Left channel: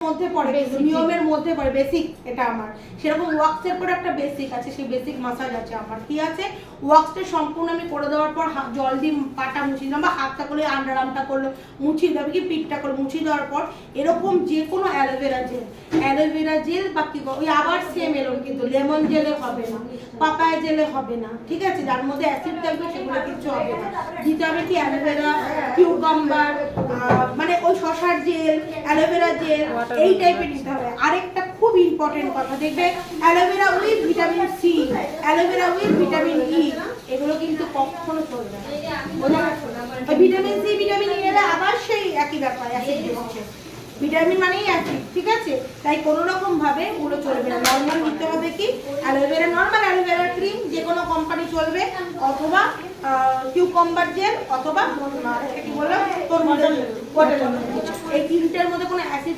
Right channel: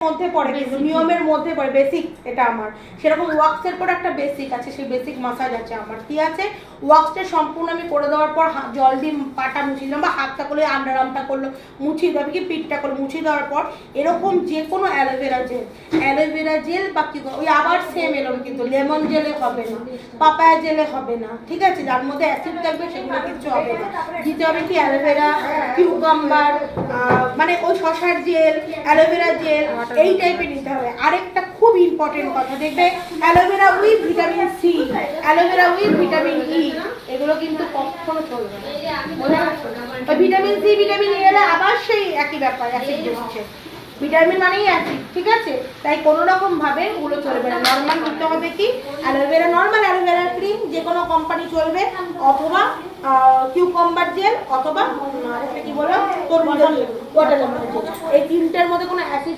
মধ্যে পড়ে, নিয়মের মধ্যে পড়ে, বেসিক এটা আমার। সেরকম ওয়াক্সের পর একটা বেসিক আছে, সেই বেসিক মাসাজ আছে আমার। কি আছে, ওয়াক্সটা সম্পূর্ণ আমি করে দেওয়ার পর জল দিয়ে পাটা মুছিয়ে দিলাম, বা হাতটা করলে আন্ডার আর্মটা করলো মুছিয়ে দেবে, কি পিঠটা করে মুছিয়ে দেওয়ার পর এরকম যে কোনো অ্যালোভেরা জেল বা কি ওই আবার সেম এরকম, কিন্তু লেমন জেলে হবে না, পাপায়া জেলে হবে না, ঠিক আছে, যার মধ্যে অ্যাসিড থাকবে সেগুলো কিছু হবে না। দিতে হবে কি অ্যালোভেরা, কিউকাম্বার, মানে ওই শশার জেল, অ্যালোভেরা জেল, এই টাইপের নিতে হবে। আরেকটা খুব ইম্পর্টেন্ট কথা, দেখবে aloe vera with vitamin C, aloe vera with vitamin E, এগুলো কিন্তু কখনো চলবে না। ভিটামিন সি ভিটামিন ই এলে আবার সেই একই ব্যাপার, অ্যাসিড হচ্ছে, ভিটামিন মানেই অ্যাসিড, ঠিক আছে, তাই কোনো রকম ভাবে ওগুলো চলবে না। নর্মাল নিতে হবে কি অ্যালোভেরা, নর্মাল অ্যালোভেরা ক্রিম, যে কোনো কোম্পানি চলবে, অথবা কিউকাম্বার জেল, অথবা কি বলো তরমুজের জেল, এই তিনটার মধ্যে কোনো অ্যাসিড